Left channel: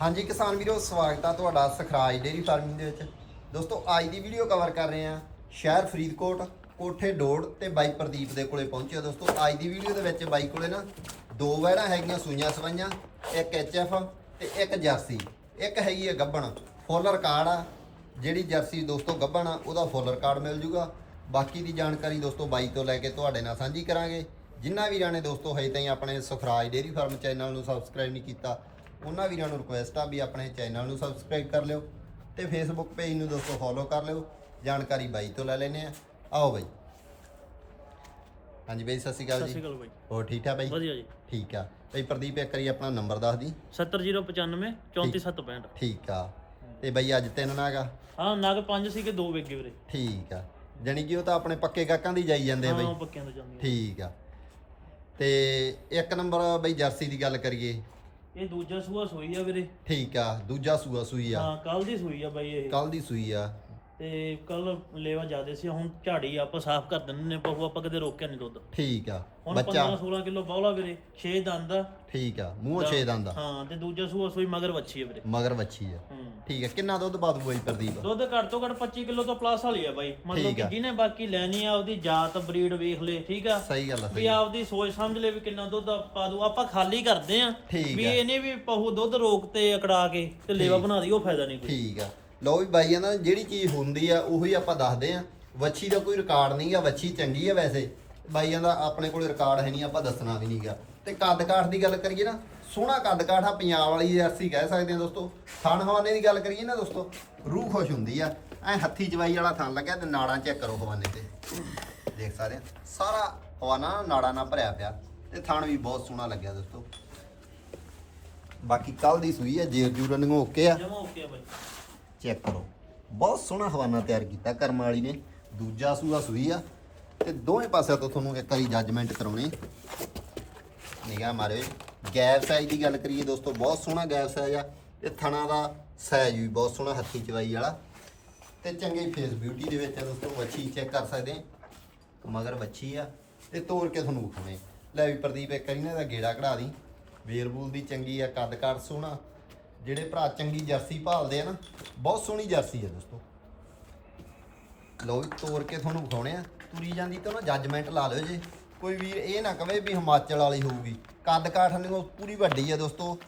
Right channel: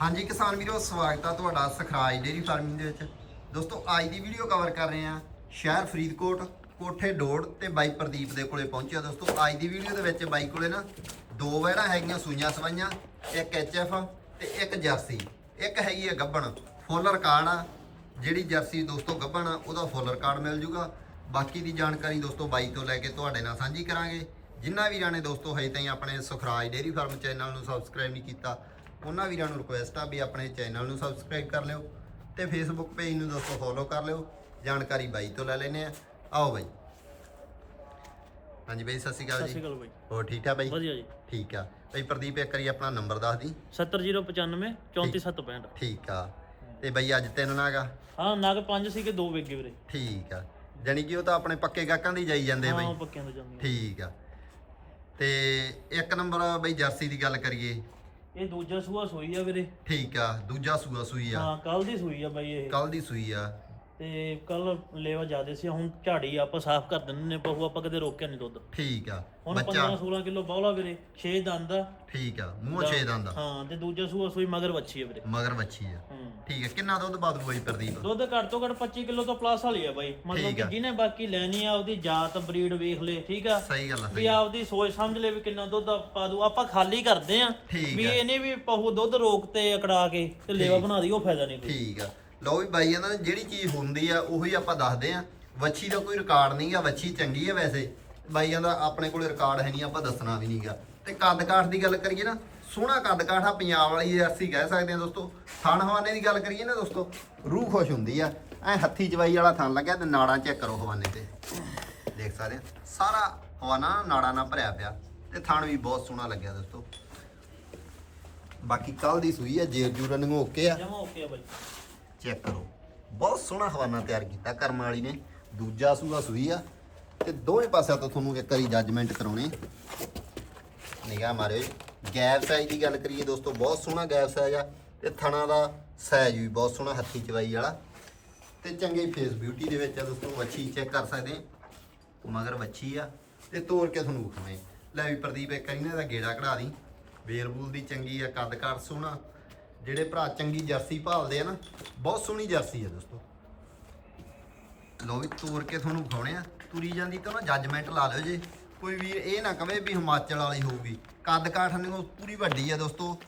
ਹਾਂਜੀ ਕਿਸਾਨ ਵੀਰੋ, ਸਵਾਗਤ ਆ ਤੁਹਾਡਾ ਸਖਰਾਜ ਡੇਰੀ ਫਾਰਮਿੰਗ ਦੇ ਵਿੱਚ। ਦੋਸਤੋ, ਅੱਜ ਦੀ ਵੀਡੀਓ ਕਵਰ ਕਰ ਰਹੇ ਆ ਸ਼ਹਿਰ ਫਰੀਦਕੋਟ, ਕੋਠੇ ਡੋੜ ਤੇ ਬਾਈ ਪ੍ਰਦੀਪ ਦੇ ਕੋਲੇ ਪਹੁੰਚਿਆ ਦੋਸਤੋ, ਅੱਜ ਦੀ ਵੀਡੀਓ ਦੇ ਵਿੱਚ ਬਾਈ ਕੋਲੇ ਨਾ ਦੋ ਵੈੜਾਂ ਹੈਗੀਆਂ, ਸੂਈਆਂ ਸਵਾਈਆਂ, ਇੱਕ ਐਚਐਫ ਤੇ ਇੱਕ ਜਰਸੀ। ਇੱਕ ਹੈਗੀ ਆ ਗੱਬਣ, ਫੁੱਲ ਰਿਕਾਰਡ ਆ। ਜਿਹੜੀ ਜਰਸੀ ਦੋਸਤੋ ਗੱਬਣ ਆ, ਉਹਦਾ ਫੁੱਲ ਰਿਕਾਰਡ ਮਿਲ ਜੂਗਾ। ਬਾਕੀ ਦੀ ਜਾਣਕਾਰੀ ਦੋਸਤੋ ਬਾਈ ਤੋਂ ਲੈ ਕੇ ਤੁਹਾਡੇ ਨਾਲ ਸਾਂਝੀ ਕਰਾਂਗੇ। ਜਿਨ੍ਹਾਂ ਵੀਰਾਂ ਨੇ ਦੋਸਤੋ ਹਜੇ ਤਾਈਂ ਆਪਣੇ ਸੁਖਰਾਜ ਡੇਰੀ ਫਾਰਮ ਚੈਨਲ ਨੂੰ ਸਬਸਕ੍ਰਾਈਬ ਨਹੀਂ ਕੀਤਾ ਉਹਨਾਂ ਵੀਰਾਂ ਨੂੰ ਰਿਕੁਐਸਟ ਆ ਵੀ ਆਪਣੇ ਚੈਨਲ ਨੂੰ ਸਬਸਕ੍ਰਾਈਬ ਕਰ ਲਿਓ ਤੇ ਫੇਸਬੁੱਕ ਪੇਜ ਨੂੰ ਦੋਸਤੋ ਫੋਲੋ ਕਰ ਲਿਓ। ਜਾਣਕਾਰੀ ਬਾਈ ਤੋਂ ਲੈ ਲੈਨੇ ਆ ਆਓ ਬਾਈ। ਹਾਂਜੀ ਬਾਈ ਸਤਿ ਸ਼੍ਰੀ ਅਕਾਲ ਸਤਿ ਸ਼੍ਰੀ ਜੀ ਅਕਾਲ ਬਾਈ। ਹੋਰ ਠੀਕ ਠਾਕ ਬਾਈ? ਵਧੀਆ ਜੀ। ਠੀਕ ਆ। ਬਾਈ ਪ੍ਰਦੀਪ ਇੱਕ ਵਾਰੀ ਆਪਣਾ ਨੰਬਰ ਦੱਸ ਦੀ। 70095 34765 ਠੀਕ ਆ। ਤੇ ਬਾਈ ਅੱਜ ਤਿੰਨ ਨਾਗਾ ਹਾਂ ਨਗ ਪੰਜ ਸੀ ਕਿ ਦੋ ਵੇਗੇ ਵੀਰੇ। ਠੀਕ ਆ। ਜਾਣੀ ਕਿ ਉਹ ਤਾਂ ਆਪਣੇ ਪੱਕੇ ਗਾਹਕਾਂ ਦੀ ਜਾਈ ਜਾਂਦੇ ਆ ਹਾਂ ਬਾਈ ਪੱਕਿਆਂ ਤੋਂ ਜਾਂਦੀਆਂ ਠੀਕ ਆ। ਤੇ ਇੱਕ ਨੰਬਰ ਬਈ ਜਰਸੀ ਦੀ ਗੱਲ ਕਰੀਏ। ਇਹ ਦੂਜਾ ਸੂਆ ਸੂਈ ਆ ਵੀਰੇ। ਠੀਕ ਆ ਦੂਜਾ ਸੂਆ ਸੂਈ ਆ। ਹਾਂ ਕੱਲ ਦੀ ਸੂਈ ਆ ਬਾਈ ਇਹ। ਕੱਲ ਦੀ ਸੂਈ ਆ। ਤੇ ਕੱਲ ਲੇਵਾ ਜ਼ਿਆਦੇ ਸੀ ਹੁਣ ਝਾੜੀ ਆਪਾਂ ਸਾਫ਼ ਕਰ ਦਿੰਦੇ ਨੇ ਬਹੂ ਆਪਾਂ ਕਦੇ ਰੋਕਿਆ ਨਹੀਂ ਦੁੱਧ। ਠੀਕ ਆ ਹੁਣ ਬੱਚਾ 15 16 ਕਿਲੋ ਬੌਲਾ ਵੀਰੇ 6 ਦੰਦ ਆ। ਠੀਕ ਆ ਮੂੰਹ ਛੇ ਦੰਦ ਆ। ਹਾਂ ਤੇ ਦੂਜਾ ਸੂਆ ਸੂਈ ਮਗਰ ਵੱਛੀ ਆ ਵੀਰੇ। ਮਗਰ ਬੱਚੀ ਆ। ਠੀਕ ਆ ਕਿੰਨਾ ਦੁੱਧ ਬਾਦ ਬਈ ਪ੍ਰਦੀਪ? ਦੁੱਧ ਘੱਟ ਤੋਂ ਘੱਟ 25 ਕਿਲੋ ਤੋਂ ਪਲੱਸ ਵਾਲੀ ਆ ਬਾਈ। ਮਤਲਬ ਕਿ। ਜਿਹਨੇ ਬਾਕੀ ਲੈਣੀ ਆ ਉਹਦੀ ਜਾਤ ਬਰੀਡ ਵੇਖ ਲੇ ਠੀਕ ਆ? ਸਹੀ ਗੱਲ ਆ ਵੀ। ਆਪਦੀ ਸੋਚ ਸਮਝ ਲੈ ਵੀ ਕਿੰਨਾ ਦੁੱਧ ਪਾ ਦੂ ਆਪਾਂ ਖਾਲੀ ਕਰਦੇ ਆ ਵੀ। ਇਹਨੇ ਵੀ ਪਹੂ ਦੁੱਧ ਰੋਕ ਤੇ ਅਕੜਾ ਕੇ ਤੇ ਲੇਵਾ ਬਣਾ ਦੀ ਉਹ ਫਾਇਦਾ ਨਹੀਂ ਠੀਕ ਆ। ਲੋ ਵੀ ਬਾਈ ਕਹਿੰਦਾ ਜਿਹੜੀ ਚੀਜ਼ ਹੁੰਦੀ ਆ, ਉਹੀ ਆਪਾਂ ਦੱਸਦੇ ਆ। ਵੱਛੀ ਦਾ ਕੋਈ ਰਿਕਾਰਡ ਨਹੀਂ ਆ, ਵੱਛੀ ਚੰਗੀ ਆ ਵੈਸੇ। ਬਾਈਆਂ ਦਾ ਆਪਣੇ ਕੋਲ ਰਿਕਾਰਡ ਹੈ ਨਹੀਂ, ਆਪਾਂ ਦੱਸਣਾ ਵੀ ਨਹੀਂਗਾ। ਤੇ ਕੱਦ ਕਾਠ ਦੀ ਗੱਲ ਕਰੀਏ ਨਾ, ਸੋਹਣਾ ਕੱਦ ਕਾਠ ਆ, ਪੰਜਾਬ ਵਾਲੀ ਜਰਸੀ ਕਹਿ ਸਕਦੇ ਆ ਦੋਸਤੋ। ਥਣ ਹਵਾਨੇ ਦੀ ਗੱਲ ਕਰੀਏ ਨਾ ਦੋਸਤੋ, ਰੂਹ ਖੁਸ਼ ਹੁੰਦੀ ਆ। ਐ ਹੱਥੀ ਜਵਾਈ ਵਾਲਾ ਥਣ ਲੱਗਿਆ ਤੇ ਨਾੜਾਂ ਚੈੱਕ ਕਰੋ ਹਵਾਨੇ ਤੇ। ਦੇਖ ਸਕਦੇ ਆ, ਸਾਰਾ ਹਵਾਨਾ ਨਾੜਾਂ ਨਾਲ ਭਰਿਆ ਪਿਆ। ਤੇ ਥਣ ਵੀ ਬਹੁਤ ਸੋਹਣਾ ਲੱਗਿਆ ਦੋਸਤੋ। ਬਾਕੀ ਕੱਲ ਦੀ ਸੂਈ ਆ ਜੇਰ ਜੂਰਨ ਨੂੰ ਓਕੇ ਆ। ਜਮਾ ਓਕੇ ਆ ਬਾਈ। ਚੈੱਕ ਕਰੋ। ਬਹੁਤ ਸੋਹਣਾ ਹਵਾਨਾ ਤਿਆਰ ਕੀਤਾ ਕਰਮ ਵਾਲੀ ਨੇ। ਦੂਜਾ ਸੂਆ ਸੂਈ ਆ। ਤੇ ਦੋਵੇਂ ਪਾਸਿਆਂ ਤੋਂ ਤੁਹਾਨੂੰ ਇੱਕ ਵਾਰੀ ਜੱਜਮੈਂਟ ਕਰਾਉਣੀ। ਨਿਗਾਹ ਮਾਰੇ ਗੈਪ ਸਾਈਜ਼ ਦੀ ਗੱਲ ਕਰੀਏ ਦੋਸਤੋ, ਬਹੁਤ ਸੋਹਣਾ ਗੈਪ ਸਾਈਜ਼ ਆ। ਤੇ ਥਣਾ ਦਾ ਸਾਈਜ਼ ਵੀ ਬਹੁਤ ਸੋਹਣਾ ਹੱਥੀ ਚਵਾਈ ਵਾਲਾ। ਤੇ ਚੰਗੀ ਫੇਸ ਬਿਊਟੀ ਦੇ ਵਿੱਚ ਆ ਦੋਸਤੋ, ਵੱਛੀ ਚੈੱਕ ਕਰ ਸਕਦੇ। ਆ ਮਗਰ ਵੱਛੀ ਆ। ਤੇ ਤੋੜ ਕੇ ਤੁਹਾਨੂੰ ਵਿਖਾਉਣੇ। ਲੈ ਵੀ ਪ੍ਰਦੀਪ, ਇੱਕ ਵਾਰੀ ਨਾ ਇਹਦਾ ਗੇੜਾ ਕਢਾ ਦੀ। ਵੇਰਬੂਲ ਦੀ ਚੰਗੀ ਆ ਕੱਦ ਕਾਠ ਸੋਹਣਾ। ਜਿਹੜੇ ਭਰਾ ਚੰਗੀ ਜਰਸੀ ਭਾਲਦੇ ਆ ਨਾ, ਬਹੁਤ ਸੋਹਣੀ ਜਰਸੀ ਆ ਦੋਸਤੋ। ਲੋ ਵੀ ਤੋੜ ਕੇ ਤੁਹਾਨੂੰ ਵਿਖਾਉਣੇ ਆ। ਤੁਰੀ ਜਾਂਦੀ ਤਾਂ ਨਾ ਜੱਜਮੈਂਟ ਲਾ ਲਿਓ ਜੇ। ਕੋਈ ਵੀਰ ਇਹ ਨਾ ਕਵੇ ਵੀ ਹਿਮਾਚਲ ਵਾਲੀ ਹੋਊਗੀ। ਕੱਦ ਕਾਠ ਨੂੰ ਪੂਰੀ ਵੱਡੀ ਆ ਦੋਸਤੋ।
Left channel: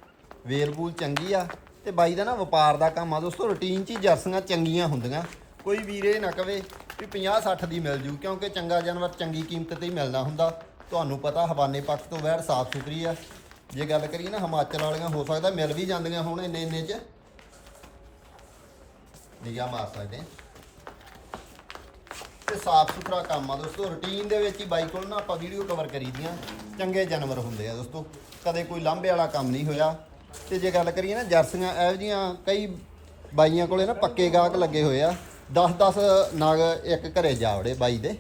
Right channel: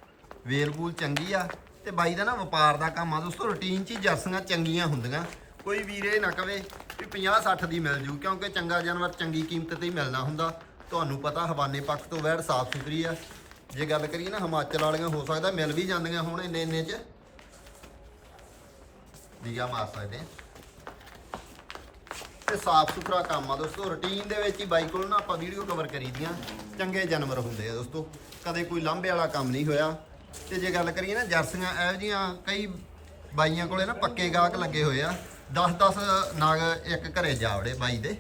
ਵੇਰਬੂਲ ਚੰਗੀ ਆ ਤੇ ਬਾਈ ਦਾ ਨਾ ਵਪਾਰ ਦਾ ਕੰਮ ਆ ਦੋਸਤੋ। ਰੁਟੀਨ 'ਚ ਹੀ ਜਰਸੀਆਂ ਚੰਗੀਆਂ ਹੁੰਦੀਆਂ। ਕੋਈ ਵੀਰ ਇਹ ਨਾ ਕਵੇ ਵੀ 50 60 ਦੀ ਮਿਲ ਜੂ, ਕਿਉਂਕਿ ਚੰਗਾ ਜਾਨਵਰ ਚੰਗੀ ਕੀਮਤ ਤੇ ਹੀ ਮਿਲਦਾ ਹੁੰਦਾ। ਤੁਹਾਨੂੰ ਪਤਾ ਹਵਾਨੇ ਪੱਖ ਤੋਂ ਵਹਿਰ ਸਾਫ਼ ਸੁਥਰੀ ਆ। ਜੇ ਗੱਲ ਕਰੀਏ ਨਾ ਹਿਮਾਚਲ ਵਾਲੀਆਂ, ਹੋ ਸਕਦਾ ਮਿਲ ਵੀ ਜਾਂਦੀਆਂ ਹੁਣ ਇੰਨੇ ਇੰਨੇ 'ਚ। ਨਿਗਾਹ ਮਾਰ ਸਕਦੇ ਆ। ਤੇ ਸਾਫ਼ ਸੁਥਰਾ ਕੰਮ ਆ ਦੋਸਤੋ ਰੁਟੀਨ ਦੇ ਵਿੱਚ ਹੀ ਬਾਈ ਕੋਲ ਨਾ ਆਪਾਂ ਵੀਡੀਓ ਕਵਰ ਕਰੀਦੀਆਂ ਚੰਗੇ ਜਾਨਵਰ ਹੁੰਦੇ ਆ ਦੋਸਤੋ। ਕਦੇ ਕੋਈ ਲਾਂਭੇ ਵਾਲਾ ਕੰਮ ਨਹੀਂ ਹੋਇਆ। ਤੇ ਜੇ ਗੱਲ ਕਰੀਏ ਨਾ ਜਰਸੀਆਂ, ਇਹੋ ਜੀਆਂ ਕਈ ਬਾਈਆਂ ਕੋਲੇ ਨਾ ਪੱਕੇ ਗਾਹਕ ਲੱਗੇ ਹੋਏ ਆ। 10-10 ਨਗ ਇੱਕ ਘਰੇ ਜਾਵੜੇ ਬਾਈ ਦੇ।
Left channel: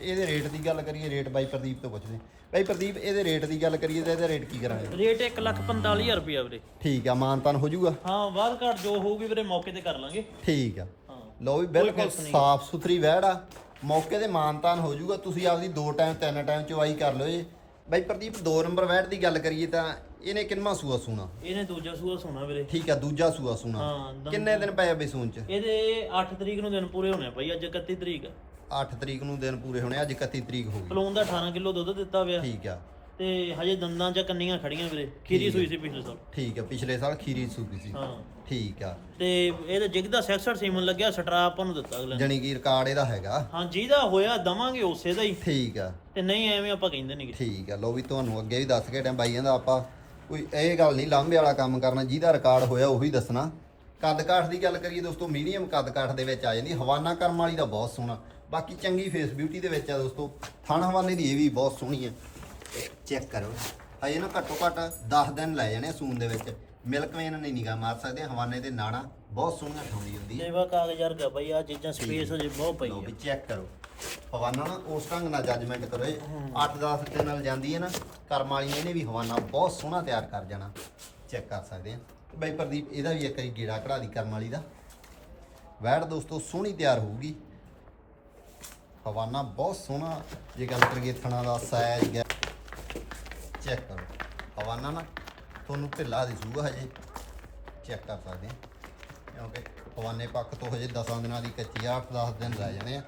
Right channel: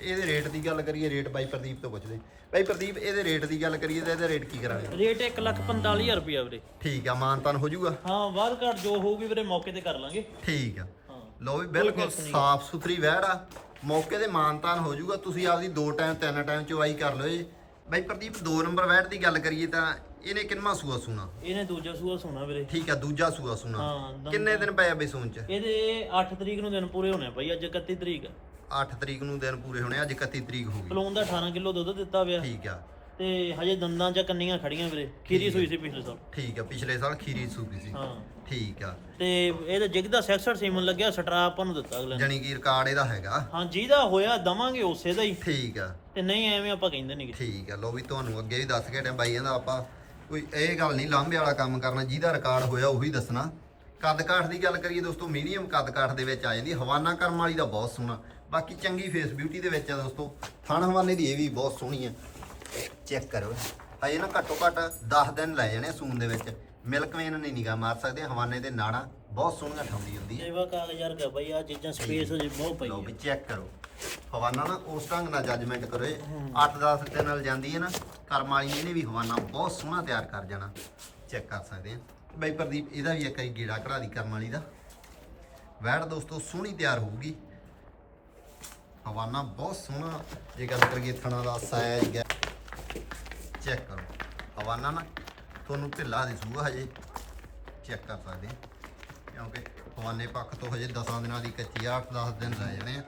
ਇਹਦੇ ਰੇਟ ਦੀ ਗੱਲ ਕਰੀਏ ਰੇਟ ਬਾਈ ਪ੍ਰਦੀਪ ਤੋਂ ਪੁੱਛਦੇ। ਬਾਈ ਪ੍ਰਦੀਪ ਇਹਦੇ ਰੇਟ ਦੀ ਗੱਲ ਕਰੀਏ ਤਾਂ ਇਹਦੇ ਰੇਟ ਕੀ ਕਰਾਂਗੇ? ਰੇਟ 145000 ਰੁਪਿਆ ਵੀਰੇ। ਠੀਕ ਆ ਮਾਨਤਾਨ ਹੋ ਜਾਊਗਾ। ਹਾਂ ਬਾਅਦ ਘੱਟ ਜੋ ਹੋਊਗੀ ਵੀਰੇ ਮੌਕੇ ਤੇ ਕਰ ਲਾਂਗੇ। ਠੀਕ ਆ। ਹਾਂ। ਲੋ ਵੀ ਬਿਲਕੁਲ। ਸਾਫ਼ ਸੁਥਰੀ ਵਹਿੜ ਆ। ਮੌਕੇ ਤੇ ਮਾਨਤਾਨ ਹੋ ਜਾਊਗਾ। ਤੁਸੀਂ ਆਪਦੀ ਦੋ ਟਾਈਮ ਤਿੰਨ ਟਾਈਮ ਚਵਾਈ ਕਰ ਲਓ ਜੀ ਬਾਈ ਪ੍ਰਦੀਪ ਦੋ ਨੰਬਰ ਵਹਿੜ ਦੀ ਗੱਲ ਕਰੀਏ ਤਾਂ ਇਹਨੇ ਕਿੰਨਾ ਸੂਆ ਸੂਣਾ? ਇਹਨੇ ਦੂਜਾ ਸੂਆ ਸੋਨਾ ਵੀਰੇ। ਠੀਕ ਆ ਦੂਜਾ ਸੂਆ ਸੂਣਾ। ਹਾਂ, ਕਿੰਨੇ ਦਿਨ ਪਏ ਆ ਬਈ ਸੂਣ ਚ? ਇਹਦੇ 8 ਤਰੀਕ ਨੂੰ ਦਿਨ ਪੂਰੇ ਹੋਣੇ ਆ ਬਾਈ ਅੱਜ 31 ਤਰੀਕ ਆ। 8 ਤਰੀਕ ਨੂੰ ਦਿਨ ਪੂਰੇ ਹੋਣੇ ਅੱਜ 31 ਤਰੀਕ ਹੋ ਗਈ। ਪਲੂਨ ਦਾ 18 ਕਿਲੋ ਦੁੱਧ ਦਿੱਤਾ ਪਿਆ। ਠੀਕ ਆ। ਤੇ ਹਜੇ ਦੰਦਾਂ 'ਚ ਕੰਨੀਆਂ ਖੜੀਆਂ ਵੀਰੇ ਖੀਰੀ ਸੂਈ ਸੀ ਪਿਛਲੇ ਸਾਲ। ਠੀਕ ਆ ਪਿਛਲੇ ਸਾਲ ਖੀਰੀ ਸੂਪੀ ਸੀ। ਹਾਂ। ਠੀਕ ਆ। ਤੇ ਇਹਦੇ ਜਿਗ ਦਾ 66 ਸੀਮਨ ਲੱਗਿਆ ਸਟਰਾ ਆਪਾਂ ਨੂੰ ਦਿੱਤਾ ਅਗਲੇ ਨੇ। ਜਣੀ ਕੀ ਰਿਕਾਰਡ ਇਹਦਾ ਹੈਗਾ। ਹਾਂ ਜਿਹਦਾ ਹੋਇਆ ਦਵਾਂਗੇ ਉਸੇ ਦਾ ਹੀ। ਠੀਕ ਆ। ਤੇ ਨਹੀਂ ਐਵੇਂ ਆਪਾਂ ਕਹਿੰਦੇ ਨਹੀਂ ਠੀਕ ਆ ਲੋ ਵੀ ਤੁਹਾਨੂੰ ਅੱਗੇ ਵੀ ਦੱਸ ਕੇ ਟਾਂ ਬਾਈ ਕਹਿੰਦਾ ਆਪਾਂ ਕੋਈ ਇਹ ਗੱਲ ਨਹੀਂ ਲਾਂਭੇ ਵਾਲਾ ਕੰਮ ਕਰਨਾ ਜਿਹਦਾ ਰਿਕਾਰਡ ਹੋਇਆ ਉਹੀ ਦੱਸਣਾ। ਕੱਦ ਕਾਠ ਦੀ ਗੱਲ ਕਰੀਏ ਦੋਸਤੋ ਮੀਡੀਅਮ ਕੱਦ ਕਾਠ ਦੇ ਵਿੱਚ ਆ ਜਾਂਦੀ ਹਵਾਨਾ ਕਰਮ ਵਾਲੀ ਦਾ ਬਹੁਤ ਸੋਹਣਾ। ਬਾਕੀ ਚੰਗੀ ਫੇਸ ਬਿਊਟੀ ਦੇ ਵਿੱਚ ਆ ਦੋਸਤੋ। ਥਣ ਹਵਾਨੇ ਦੀ ਇਹ ਵੀ ਬਹੁਤ ਸੋਹਣੀ ਆ। ਚੈੱਕ ਕਰੋ। ਹਜੇ ਨਾ ਘੱਟੋ ਘੱਟ 10 ਦਿਨ ਲੈ ਜਾਣੇ ਸੂਨ ਦੇ ਵਿੱਚ। ਮਿਲਕ ਵੇਨ ਨਹੀਂ ਨਿਗਾ ਮਾਰ ਸਕਦੇ ਹਵਾਨੇ ਦੇ ਨਾੜਾਂ ਬਹੁਤ ਸੋਹਣੀਆਂ ਠਾਉਂਦੀ ਹੁੰਦੀ ਹੈ ਦੇਵਾ ਕਾਗਜ਼ ਵਰਗਾ ਬਈ ਆ ਚੀਜ਼ਾਂ ਸਪੇਸ ਹਜੇ ਬਹੁਤ ਪਈ ਆ ਵੀ ਚੈੱਕ ਕਰੋ। ਹਵਾਨਾ ਨਾ ਉਸ ਢੰਗ ਨਾਲ ਜੱਜਮੈਂਟ ਕਰੋ। 8-10 ਦੇ ਨਾਲ ਜਾਂਦੀ ਹੈ ਨਾ ਕਰਮ ਵਾਲੀ ਨੇ ਇਹਨੇ ਵੀ ਹਵਾਨਾ ਬਹੁਤ ਸੋਹਣਾ ਤਿਆਰ ਕਰ ਜਾਣਾ। ਚੈੱਕ ਕਰ ਸਕਦੇ ਆ। ਬਈ ਪ੍ਰਦੀਪ ਇਹਦਾ ਵੀ ਇੱਕ ਗੇੜਾ ਕਢਾ ਦੀ ਕਰਮ ਵਾਲੀ ਦਾ। ਵੈੜ ਦੋਸਤੋ ਸੋਹਣੀ ਤਿਆਰ ਹੋਊਗੀ। ਹਵਾਨਾ ਬਹੁਤ ਸੋਹਣਾ, ਜੇ ਗੱਲ ਕਰੀਏ ਥਣਾ ਦਾ ਸਾਈਜ਼ ਚੈੱਕ ਕਰੋ। ਹਵਾਨਾ ਨਾ ਤੁਹਾਨੂੰ ਢਿੱਲਾ ਦਿਸੂਗਾ ਹਜੇ। ਚੈੱਕ ਕਰ ਸਕਦੇ ਕਿਉਂਕਿ ਹਵਾਨੇ ਪੱਖ ਤੋਂ ਹਜੇ 10 ਦਿਨਾਂ ਦੀ ਕੱਚੀ ਆ 8-10 ਦਿਨ ਰਹਿ ਜਾਣੇ ਆ।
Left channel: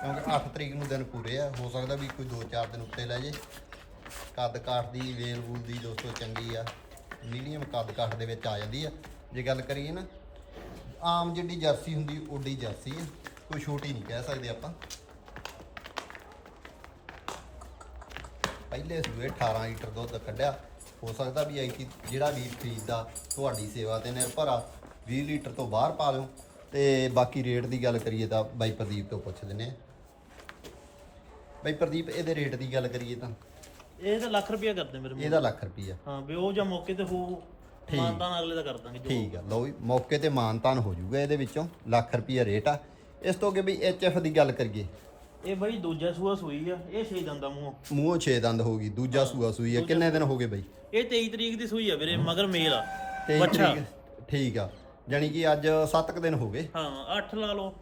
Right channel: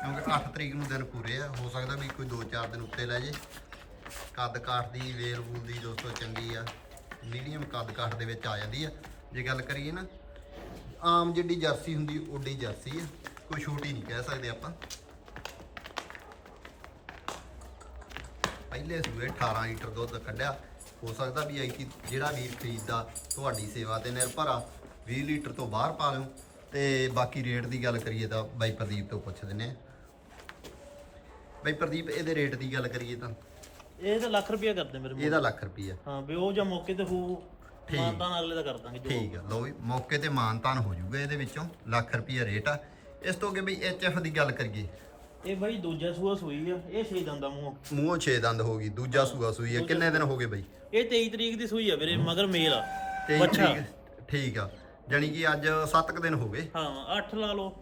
ਕਿਉਂਕਿ 8 ਤਰੀਕ ਨੂੰ ਦਿਨ ਪੂਰੇ ਆ। ਹੋ ਸਕਦਾ ਵੀ ਕੋਈ 2-4 ਦਿਨ ਉੱਤੇ ਲੈ ਜੇ। ਕੱਦ ਕਾਠ ਦੀ, ਵੇਲ ਵੂਲ ਦੀ ਦੋਸਤੋ ਚੰਗੀ ਆ। ਮੀਡੀਅਮ ਕੱਦ ਕਾਠ ਦੇ ਵਿੱਚ ਆ ਜਾਂਦੀ ਆ। ਜੇ ਗੱਲ ਕਰੀਏ ਨਾ, ਆਮ ਜਿਹੜੀ ਜਰਸੀ ਹੁੰਦੀ, ਓਡੀ ਜਰਸੀ ਆ। ਕੋਈ ਛੋਟੀ ਨਹੀਂ ਕਹਿ ਸਕਦੇ ਆਪਾਂ। ਪਹਿਲੇ ਸੂਏ 18 ਲੀਟਰ ਦੁੱਧ ਕੱਢਿਆ ਹੋ ਸਕਦਾ ਵੀ ਐਂਕੀ ਜਿਹੜਾ ਵੀਰ ਖਰੀਦਦਾ ਤੁਹਾਡੀ ਸੇਵਾ ਤੇ ਨਿਰਭਰ ਆ 20 ਲੀਟਰ ਤੋਂ ਬਾਹਰ ਪਾ ਲਿਓ। ਤੇ ਬਾਕੀ ਰੇਟ ਦੀ ਗੱਲ ਕਰੀਏ ਤਾਂ ਬਾਈ ਪ੍ਰਦੀਪ ਤੋਂ ਪੁੱਛ ਦਿੰਨੇ ਆ। ਬਾਈ ਪ੍ਰਦੀਪ ਇਹਦੇ ਰੇਟ ਦੀ ਗੱਲ ਕਰੀਏ ਤਾਂ। ਇਹ ਤਾਂ ਲੱਖ ਰੁਪਇਆ ਕਰਦੇ ਮੇਰੇ ਮੂੰਹ ਇਹਦਾ ਲੱਖ ਰੁਪਈਆ। ਹਾਂ ਵੀ ਉਹ ਜਾਂ ਮੌਕੇ ਤੇ ਹੋ ਠੀਕ। ਮਾਨਤਾਨ ਅਗਲੇ ਦਾ ਕਰ ਦਾਂਗੇ ਜੋ ਠੀਕ ਆ ਲਓ ਵੀ ਮੌਕੇ ਤੇ ਮਾਨਤਾਨ ਹੋ ਜਾਊਗਾ ਇਹਦੇ ਵਿੱਚੋਂ ਲੱਖ ਰੁਪਈਆ ਰੇਟ ਆ। ਇਸ ਤੋਂ ਅੱਗੇ ਵੀ ਐਚਐਫ ਦੀ ਗੱਲ ਕਰੀਏ ਇਹ ਬਈ ਦੂਜਾ ਸੂਆ ਸੂਈ ਆ ਇਹ ਛੇ ਦੰਦਾ ਮੂੰਹ। ਮੂੰਹ 6 ਦੰਦ ਹੋ ਗਈ ਦੂਜਾ ਸੂਆ ਸੂਈ ਆ। ਕਿੰਨੇ ਦਿਨ ਹੋ ਗਏ ਬਾਈ? ਇਹ 23 ਤਰੀਕ ਦੀ ਸੂਈ ਆ ਵੀਰੇ ਮਗਰ ਮੇਲ ਆ। ਬੱਚਾ ਤਰੀਕ ਠੀਕ ਆ। ਜਾਣੀ ਕਿ ਅੱਜ 7 ਦਿਨ ਹੋ ਗਏ। ਹਾਂ 8 ਲਾ ਲਓ।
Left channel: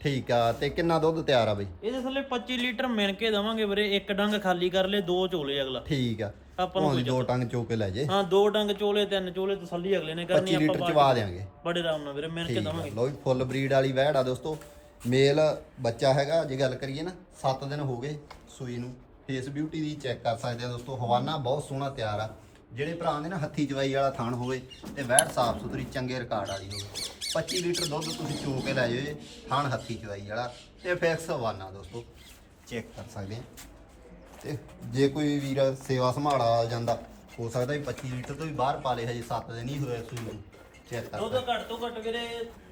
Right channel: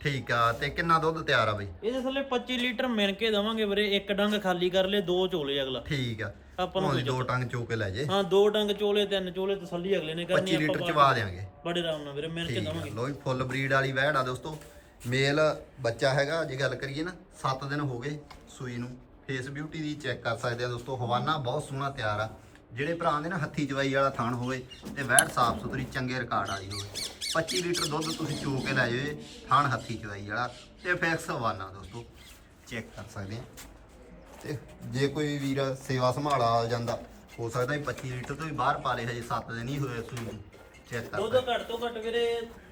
ਠੀਕ ਆ ਤੇ ਕਿੰਨਾ ਦੁੱਧ ਤਿਆਰ ਆ ਬਈ? ਇਹਦੇ ਥੱਲੇ 25 ਲੀਟਰ ਮਿਣ ਕੇ ਦਵਾਂਗੇ ਵੀਰੇ ਇੱਕ ਡੰਗ ਖਾਲੀ ਕਰ ਲੈ ਦੋ ਚੋਲੇ ਅਗਲਾ। ਠੀਕ ਆ। ਆਪਾਂ ਨੂੰ ਦੋ ਟੰਗ ਚੋ ਕੇ ਲੈ ਜੇ। ਹਾਂ ਦੋ ਡੰਗ ਚੋਲੇ ਤਿੰਨ ਚੋਲੇ ਤਸੱਲੀ ਅਗਲੇ ਨੇ ਕਰਨੀ 25 ਲੀਟਰ ਚਵਾ ਦੇਾਂਗੇ ਬੜੇ ਆਰਾਮ ਨਾਲ ਵੀਰੇ ਮਿਣ ਕੇ ਦਵਾਂਗੇ। ਲੋ ਵੀ ਫੁੱਲ ਬਰੀਡ ਵਾਲੀ ਵਹਿੜ ਆ ਦੋਸਤੋ। ਮੇਲ ਬੱਚਾ ਹੈਗਾ, ਜੇ ਗੱਲ ਕਰੀਏ ਨਾ 7 ਦਿਨ ਹੋ ਗਏ ਸੂਈ ਨੂੰ। ਫੇਸ ਬਿਊਟੀ ਦੀ ਚੈੱਕ ਕਰ ਸਕਦੇ ਆ ਦੋਸਤੋ। ਹਵਾਨਾ ਬਹੁਤ ਸੋਹਣਾ ਤਿਆਰ ਆ। ਜਿਹੜੇ ਭਰਾ ਦੇ ਨਾ ਹੱਥੀ ਚਵਾਈ ਵਾਲਾ ਥਾਣ ਹੋਵੇ ਤੇ ਵਹਿੜ ਸਾਫ਼ ਸੁਥਰੀ, ਚੰਗੇ ਰਿਕਾਰਡ ਵਾਲੀ ਹੋਵੇ। 25 ਲੀਟਰ ਦੁੱਧ ਤੁਸੀਂ ਚੋ ਕੇ ਲੈ ਜਾਓ ਥਾਣ ਹੱਥੀ ਚਵਾਈ ਵਾਲਾ। ਤੇ ਫੈਕਸ ਹਵਾਨਾ ਦੋਸਤੋ। ਚੈੱਕ ਕਰ ਸਕਦੇ ਆ। ਤੇ ਜੇ ਕੋਈ ਵੀਰ ਸੇਵਾ ਸੰਭਾਲ ਆ ਜਾਂਦਾ, ਹੋ ਸਕਦਾ ਵੀ 25 ਲੀਟਰ ਤੋਂ ਵੀ ਬਾਹਰ ਪਾ ਲੇ, ਹਜੇ 7 ਦਿਨ ਹੀ ਹੋਏ ਸੂਈ ਨੂੰ। ਕਰ ਦੁੱਧ ਘੱਟ ਤੋਂ ਘੱਟ ਵੀਰੇ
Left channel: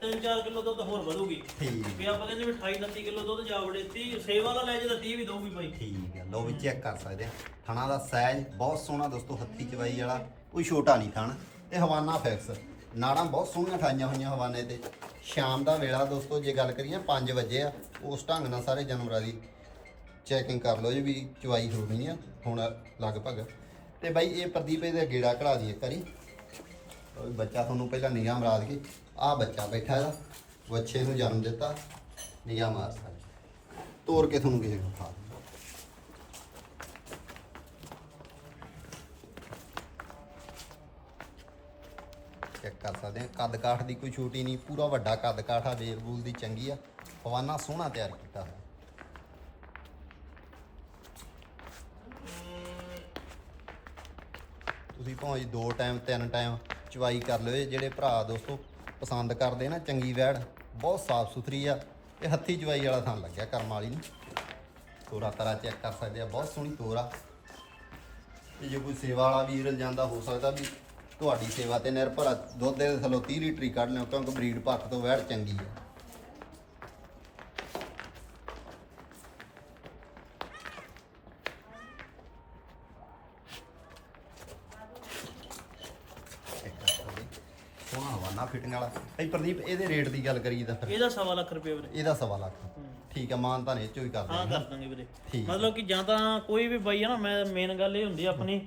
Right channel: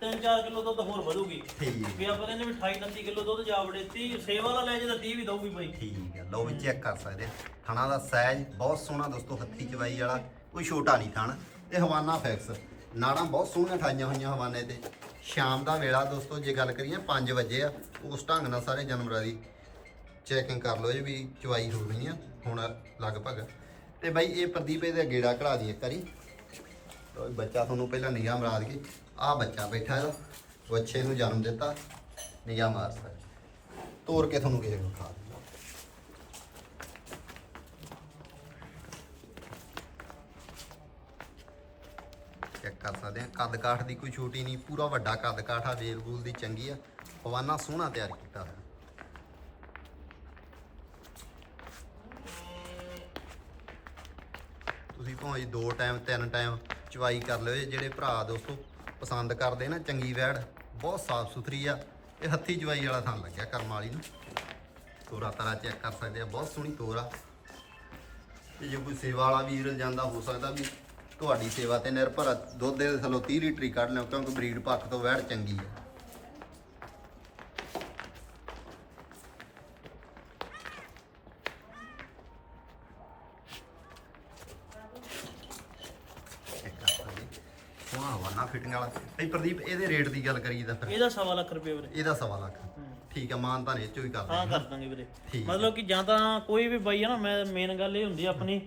3-4 ਕਿਲੋ ਦੁੱਧ ਹੋਰ ਵਧੂਗੀ। ਠੀਕ ਵੀ ਆਪਾਂ ਕਹਿੰਦੇ ਵੀ 28-29 ਕਿਲੋ ਦੁੱਧ ਜਾ ਵੜੇ 30 ਸੇਵਾ ਵਾਲਾ ਲੈ ਜੇ ਤਾਂ 30 ਵੀ ਦਊਗੀ ਬਾਈ। ਠੀਕ ਹੈ ਲਓ ਵੀ ਚੈੱਕ ਕਰ ਸਕਦੇ ਆ। ਥਣਾ ਦਾ ਸਾਈਜ਼ ਬਹੁਤ ਸੋਹਣਾ ਦੋਸਤੋ ਹੱਥੀ ਚਵਾਈ ਵਾਲਾ ਕੋਈ ਛੋਟਾ ਨਹੀਂ ਥਣ। ਤੇ ਹਵਾਨਾ ਫੈਕਸ। ਨਾੜਾਂ ਬਹੁਤ ਸੋਹਣੀਆਂ ਠਾਈਆਂ ਹੋਈਆਂ ਹਵਾਨੇ ਤੇ। ਸ਼ਾਮ ਦਾ ਵੇਲਾ ਦੋਸਤੋ ਜੇ ਗੱਲ ਕਰੀਏ 5 ਵਜੇ ਆ ਉਸ ਢੰਗ ਨਾਲ ਸਾਰੇ ਜਾਨਵਰਾਂ ਦੀ ਚੈਕਿੰਗ ਕਰ ਲਓ ਜੀ ਵੀ ਚਵਾਈ ਹੋ ਗਈ ਆ ਹੁਣ ਲਗਭਗ। ਤੇ ਬਾਈ ਇਹ ਪ੍ਰਦੀਪ ਇਹਦੇ ਗੇੜਾ ਕਢਾ ਦੀ ਇੱਕ ਵਾਰੀ ਬੱਚਾ ਤੁਹਾਨੂੰ ਪਹਿਲਾਂ ਨਿਗਾਹ ਮਾਰ ਦਈਏ ਆ ਬੱਚਾ ਬੈਠਾ ਇਹਦਾ, ਬੱਚੇ ਨੂੰ ਜਨਮ ਦਿੱਤਾ ਨਿਗਾਹ ਮਾਰ ਸਕਦੇ ਤੋੜ ਕੇ ਤੁਹਾਨੂੰ ਕਿਸੇ ਨੂੰ ਖਾ ਚੈੱਕ ਕਰ ਸਕਦੇ ਆ ਕੱਦ ਕਾਠ ਦੀ ਕੋਈ ਛੋਟੀ ਨਹੀਂ, ਪੂਰਾ ਵੱਡਾ ਕੱਦ ਕਾਠ ਆ ਵੇਲ ਬੂਲ ਦੀ ਚੰਗੀ ਆ। ਹਵਾਨਾ ਸੋਹਣਾ ਤਿਆਰ ਕੀਤਾ ਹੋਇਆ। ਤੁਸੀਂ ਭਾਵੇਂ ਦੋ ਟਾਈਮ, ਤਿੰਨ ਟਾਈਮ ਚਵਾਈ ਕਰ ਲਿਓ ਜਿਹੜੇ ਭਰਾ ਦੋਸਤੋ ਪਸੰਦ ਕਰਦੇ ਨਾ, ਚੰਗੀ ਵੈੜ, ਬਹੁਤ ਸਾਫ਼ ਸੁਥਰੀ ਆ, ਇਹ ਹੱਥੀ ਚਵਾਈ ਵਾਲਾ ਥਾਂ ਲੱਗਿਆ ਕਰਮ ਵਾਲੀ ਨੂੰ ਤੋਰਾ ਤਰਾ ਚੈੱਕ ਕਰ ਸਕਦੇ ਆ, ਬਹੁਤ ਸੋਹਣੀ ਤੋਰਾ ਤੇ ਜੇ ਕੋਈ ਸੇਵਾ ਵਾਲਾ ਵੀਰ ਜਾਂਦਾ, ਹੋ ਸਕਦਾ ਵੀ ਤੁਹਾਡੀ ਸੇਵਾ ਤੇ ਨਿਰਭਰ ਆ। ਦੁੱਧ ਦੇ ਥੱਲੋਂ 30 ਲੀਟਰ ਹੀ ਕੱਢ ਲਿਓ ਕਿਉਂਕਿ ਬਰੀਡ ਪੱਖ ਤੋਂ ਵੈੜ ਚੰਗੀ ਆ ਚੈੱਕ ਕਰ ਸਕਦੇ ਸੋਹਣਾ ਹਵਾਨਾ ਫਿਟਿੰਗ ਵਾਲਾ। ਭਾਈ ਪ੍ਰਦੀਪ ਇਹਦੇ ਰੇਟ ਦੀ ਗੱਲ ਕਰੀਏ ਤਾਂ ਫਿਰ। ਇਹਦਾ ਸਵਾ ਲੱਖ ਰੁਪਏ ਵੀਰੇ। ਇਹਦਾ ਸਵਾ ਲੱਖ। ਠੀਕ ਆ ਮਾਨ ਤਾਂ ਇਹ ਚੋਂ ਹੀ ਹਾਂ ਕਰ ਦਾਂਗੇ ਵੀਰੇ। ਠੀਕ। ਮਤਲਬ ਕਿ ਜਾਂ ਤਾਂ ਕੋਈ ਵੀ ਬਾਈ ਆ ਨਾ ਮੈਂ ਮੇਨ ਗੱਲ ਇਹ ਹੁੰਦੀ ਆ ਆਪਣੀ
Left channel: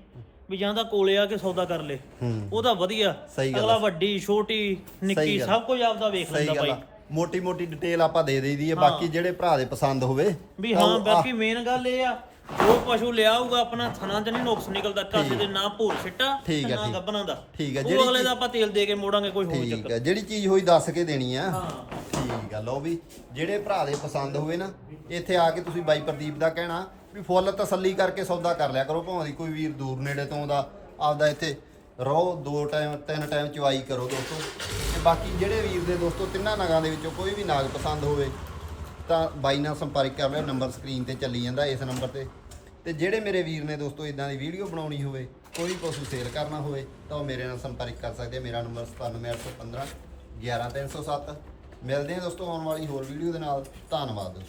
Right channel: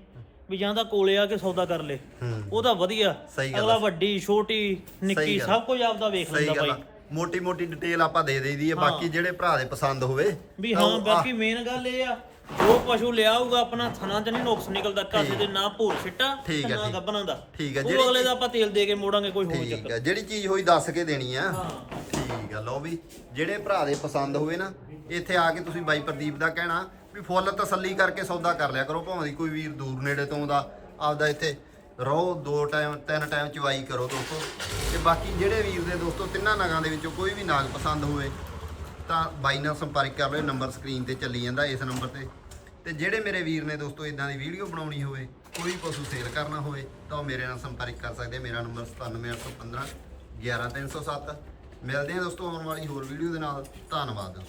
ਵੀ ਜਾਂ ਤਾਂ ਕੋਲੇ ਆ ਕੇ ਸੌਦਾ ਕਰ ਲੇ। ਹੂੰ। ਉਹਦਾ ਵਧੀਆ। ਸਹੀ ਗੱਲ ਅਗਲਾ ਵੱਡੀ ਛੋਟੀ ਨਿੱਕੀ ਗੱਲ। ਸਭ ਕੁਝ ਆਪਦਾ ਵੇਖ ਲੈਂਦਾ ਬਾਈ। ਮੋਟੀ ਮੋਟੀ ਡਿਟੇਲ ਆਪਾਂ ਦੇ ਦੇਈਦੀ ਹੈ। ਬਾਕੀ ਜਿਹੜੇ ਭਰਾ ਦੇ ਪਸੰਦ ਹੋਵੇ ਵੀ ਹਾਂ ਬਾਕੀ ਮੇਨ ਗੱਲ ਇਹ ਆ ਜੋ ਪਸ਼ੂ ਲਿਆਊਗਾ ਆਪਣਾ ਥਣਾ ਚ ਨਹੀਂ ਨੁਕਸ ਨਿਕਲਦਾ ਕਾਸੇ ਦੇ ਨਾ ਭੂਰ ਸਿੱਟਾ ਠੀਕ ਤੇ ਹੈ, ਨਾ ਠੀਕ। ਗੱਬਣਾ ਦਾ। ਠੀਕ ਹੈ, ਉਹ ਜਿਹੜੀ ਅਗਲੇ ਦਾ ਆਪਾਂ ਤੇਲ ਦੇ ਕੇ ਮੋੜਾਂਗੇ ਕੋਈ ਹੋਰ ਠੀਕ ਚੱਕਰ ਹੈ। ਜਿਹੜੀ ਚੀਜ਼ ਹੋਈ ਦੱਸ ਕੇ ਦੇਣੀ ਆ। ਹਾਂ। ਠੀਕ ਆ ਲਓ ਵੀ ਜਿਹੜੇ ਭਰਾ ਦੇ ਪਸੰਦ ਹੋਵੇ ਨਾ ਇੱਥੇ ਆ ਕੇ ਤੁਸੀਂ ਬਾਈ ਪ੍ਰਦੀਪ ਦਾ ਕਹਿਣਾ ਵੀ ਫੁੱਲ ਤਸੱਲੀ ਕਰਕੇ ਸੌਦਾ ਕਰ ਲਿਆ ਕਰੋ ਭਾਵੇਂ ਦੀ ਕੋਈ ਵੀਰ ਦੂਰ ਨੇੜੇ ਤੋਂ ਆਉਂਦਾ ਆਪਦਾ ਇੱਥੇ ਰਹੋ ਦੋ ਟਾਈਮ ਤਿੰਨ ਟਾਈਮ ਚਵਾਈ ਕਰੋ ਦੋਸਤੋ। ਤੇ ਬਾਕੀ ਜਿਹੜੇ ਵੀਰ ਦੇ ਦੋਸਤੋ ਤਿੰਨਾਂ ਨਾਗਾਂ ਦੇ ਵਿੱਚੋਂ ਕੋਈ ਵੀ ਨਾਗ ਪਸੰਦ ਹੋਵੇ ਤਾਂ ਬਾਈ ਨਾਲ ਸੰਪਰਕ ਕਰ ਲਿਓ ਨੰਬਰ ਸਕਰੀਨ ਤੇ ਚੱਲੀ ਜਾਂਦਾ ਇਸ ਨੰਬਰ ਤੇ। ਤੇ ਜਿਹੜੇ ਮੇਰੇ ਵੀਰ ਨੇ ਦੋਸਤੋ ਇਦਾਂ ਦੀ ਵੀਡੀਓ ਬਣਾਉਣੀ ਹੋਵੇ, ਕੋਈ ਪਸ਼ੂ ਸੇਲ ਕਰਨਾ ਹੋਵੇ, ਤਾਂ ਉਹ ਮੇਰੇ ਨਾਲ ਸੰਪਰਕ ਕਰ ਸਕਦੇ ਆ। ਮੇਰਾ ਨੰਬਰ 97815 11307 ਮਿਲਦੇ ਹਾਂ ਦੋਸਤੋ ਆਉਣ ਵਾਲੀ ਹੋਰ ਵੀਡੀਓ ਦੇ ਨਾਲ। ਧੰਨਵਾਦ।